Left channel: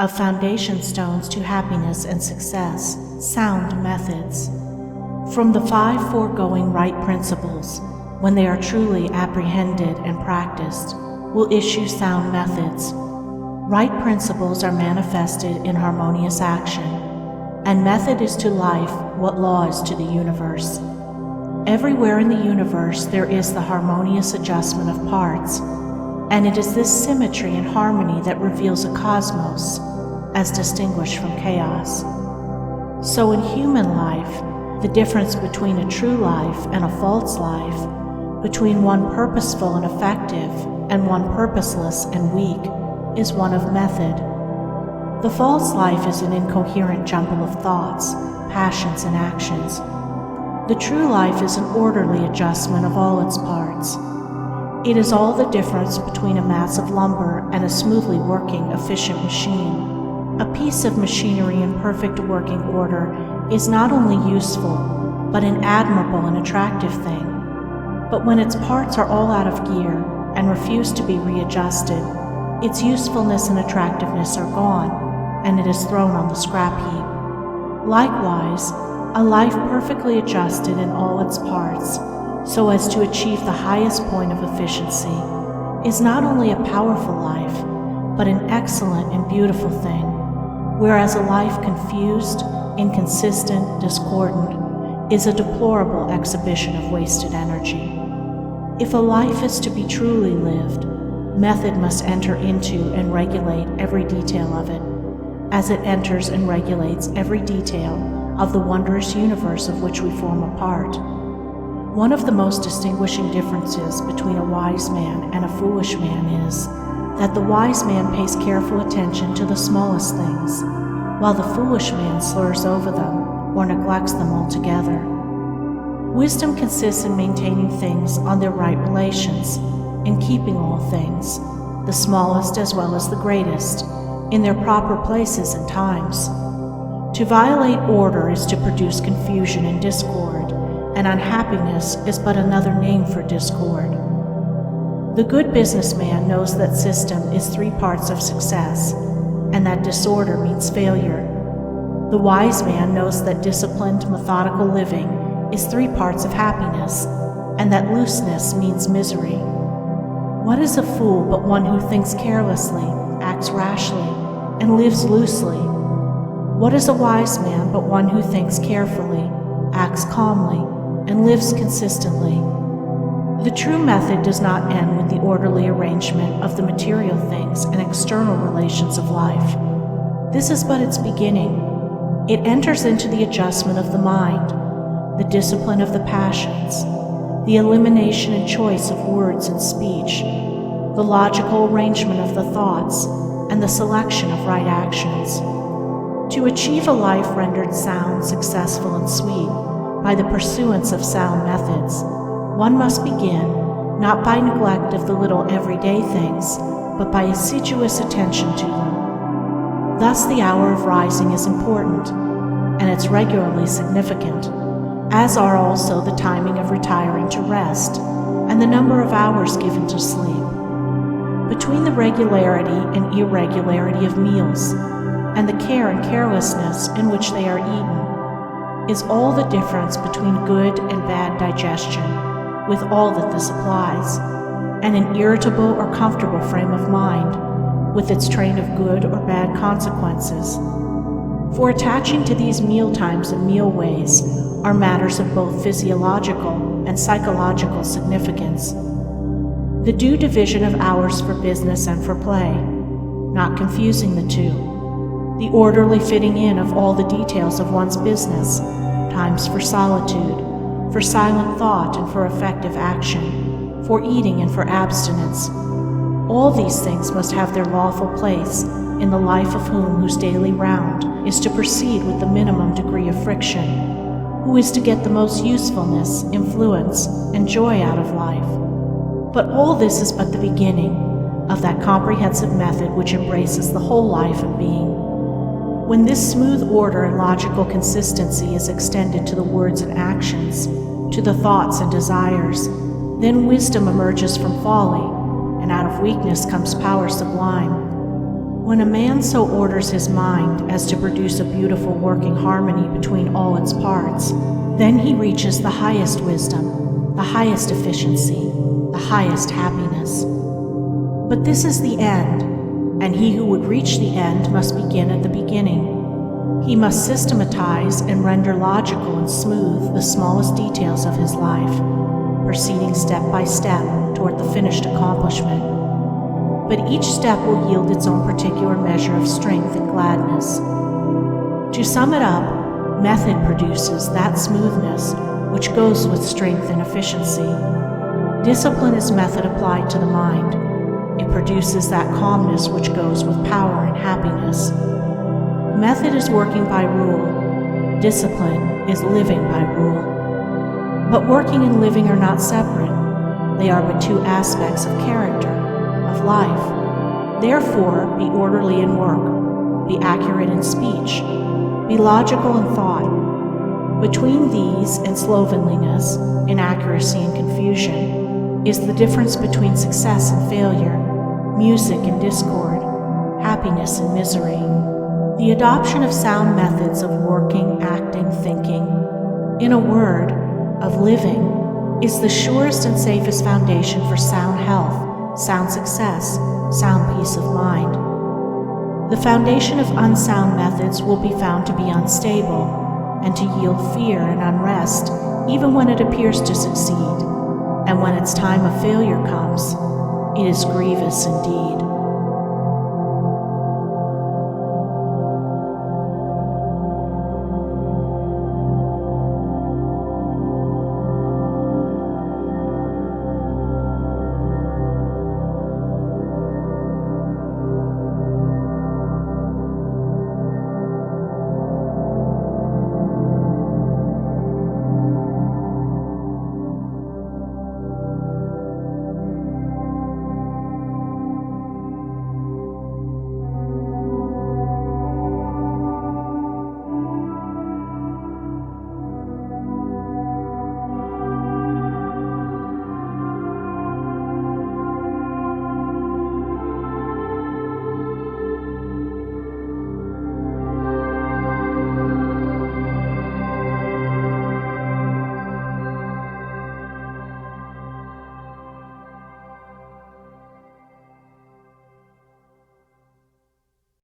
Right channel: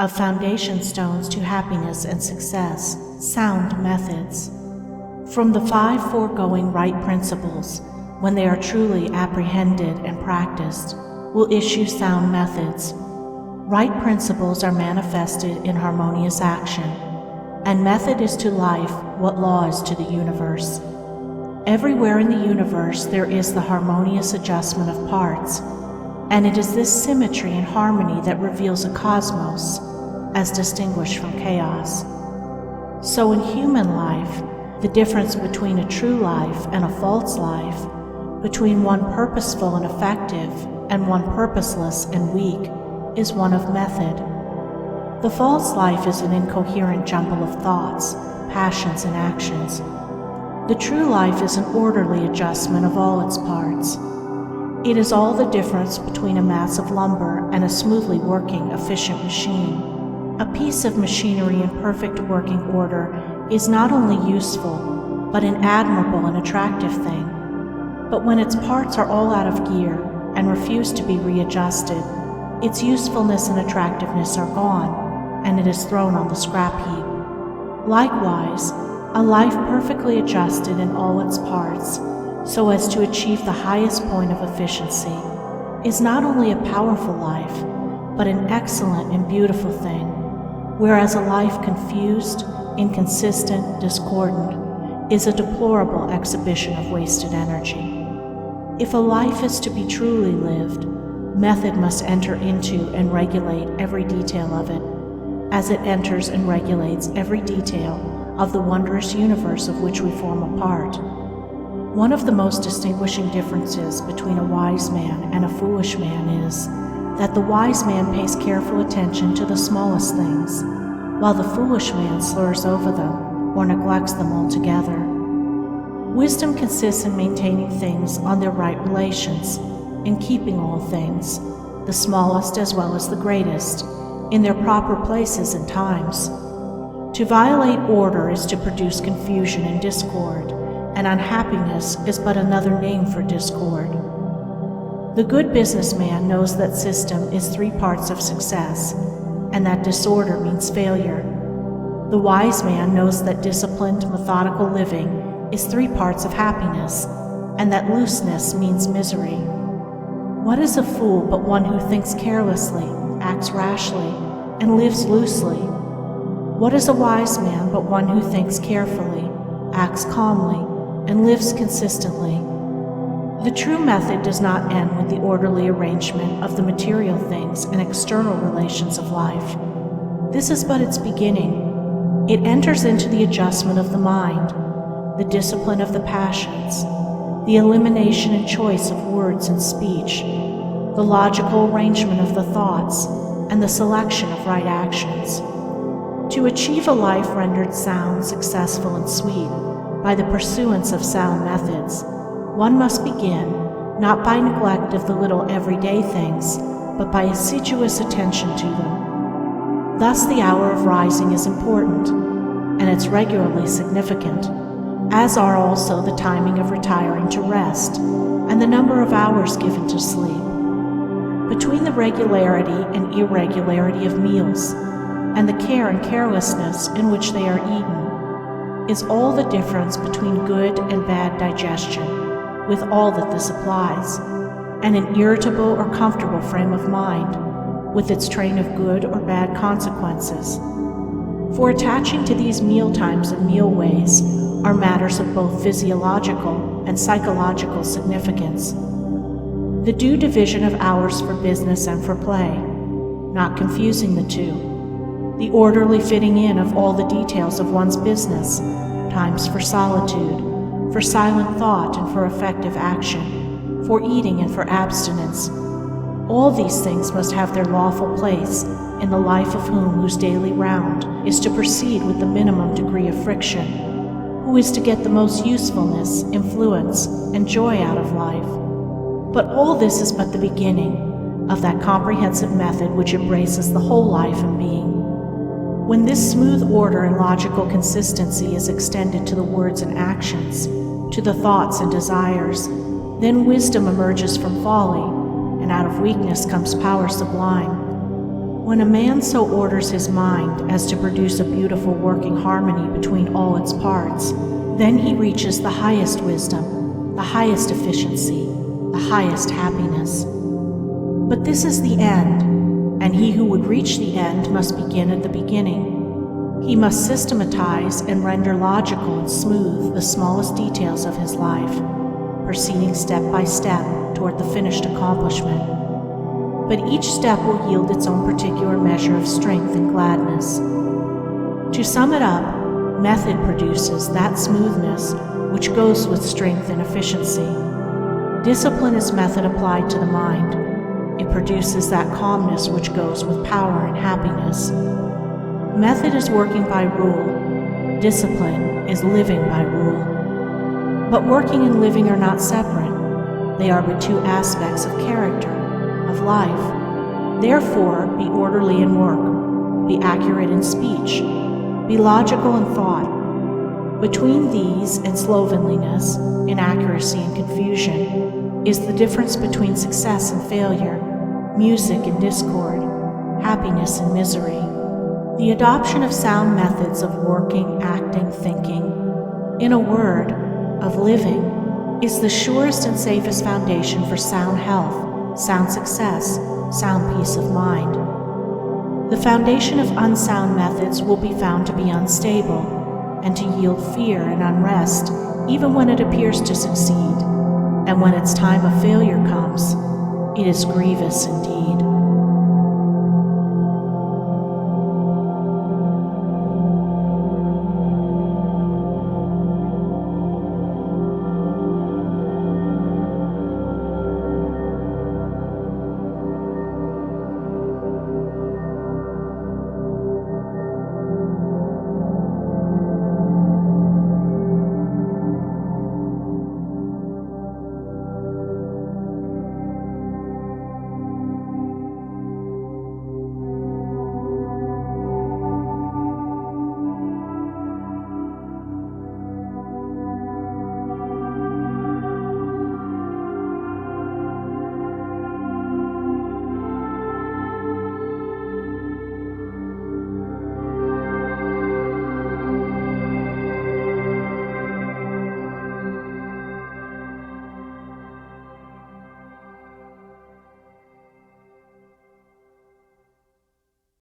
of foundation stones to happiness and success, sound methods. From the 5 foregoing right principles, when they are truly apprehended and practiced, will issue sound methods. Right principles are manifested in harmonious action, and method is to life what law is to the universe. Everywhere in the universe there is the harmonious adjustment of parts, and it is this symmetry and harmony that reveals a cosmos, as distinguished from chaos. So in human life, the difference between a true life and a false life, between one purposeful and effective and one purposeless and weak, is one of method. The false life is an incoherent jumble of thoughts, passions, and actions. The true life is an orderly adjustment of all its parts. It is all the difference between a mass of lumber and a smoothly working, efficient machine. A piece of machinery in perfect working order is not only useful, but an admirable and attractive thing. But when its parts are all out of gear and refuse to be readjusted, its usefulness and attractiveness are gone, and it is thrown on the scrap heap. Likewise, a life perfectly adjusted in all its parts, so as to achieve the highest point of efficiency, is not only a powerful life, but an excellent and beautiful thing, whereas a life confused, inconsistent, discordant, is a deplorable exhibition of wasted energy. If a life is to be truly lived, method must enter into and regulate every detail of it, as it enters and regulates every detail of the wondrous universe of which we form a part. One of the most distinguishing differences between a wise man and a foolish man is that the wise man pays careful attention to the smallest things, while the foolish man slurs over them or neglects them altogether. Wisdom consists in maintaining things on their right relations, in keeping all things, the smallest as well as the greatest, in their proper places and times. To violate order is to produce confusion and discord, and unhappiness is but another name for discord. The good businessman knows that system is 3 parts of success, and that disorder means failure. The wise man knows that disciplined, methodical living is 3 parts of happiness, and that looseness means misery. What is a fool but one who thinks carelessly, acts rashly, and lives loosely? What is a wise man but one who thinks carefully, acts calmly, and lives consistently? The true method does not end with the orderly arrangement of the material things and external relations of life. This is but its beginning. It enters into the adjustment of the mind, the discipline of the passions, the elimination and choice of words and speech, the logical arrangement of the thoughts, and the selection of right actions. To achieve a life rendered sound, successful, and sweet by the pursuance of sound methods, one must begin not by neglect of the little everyday things, but by assiduous attention to them. Thus the hour of rising is important, and it's regularly significant, as are also the timing of retiring to rest and the number of hours given to sleep. Between the regularity and irregularity of meals and the care and carelessness in which they are eaten is all the difference between good and bad digestion, with all that this applies, and an irritable or comfortable frame of mind, with its train of good or bad consequences. For attaching to these meal times and meal ways are matters of both physiological and psychological significance. The due division of hours for business and for play, not confusing the two. The orderly fitting in of all the details of one's business, times for solitude, for silent thought and for effective action, for eating and for abstinence. All these things must have their lawful place in the life of whose daily round is to proceed with the minimum degree of friction, who is to get the most usefulness, influence, and joy out of life. But all this is but the beginning of that comprehensive method which embraces the whole life and being. When this smooth order and logical consistency is extended to the words and actions, to the thoughts and desires, then wisdom emerges from folly, and out of weakness comes power sublime. When a man so orders his mind as to produce a beautiful working harmony between all its parts, then he reaches the highest wisdom, the highest efficiency, the highest happiness. But this is the end, and he who would reach the end must begin at the beginning. He must systematize and render logical and smooth the smallest details of his life, proceeding step by step toward the finished accomplishment. But each step will yield its own particular measure of strength and gladness. To sum it up, method produces that smoothness which goes with strength and efficiency. Discipline is method applied to the mind. It produces that calmness which goes with power and happiness. Method is working by rule. Discipline is living by rule. But working and living are not separate. They are but two aspects of character, of life. Therefore, be orderly in work, be accurate in speech, be logical in thought. Between these and slovenliness, inaccuracy and confusion, is the difference between success and failure, music and discord, happiness and misery. The adoption of sound methods of working, acting, thinking, in a word, of living, is the surest and safest foundation for sound health, sound success, sound peace of mind. The foundation of unsound methods will be found to be unstable and to yield fear and unrest even when it appears to succeed, and when its time of failure comes, it is grievous indeed.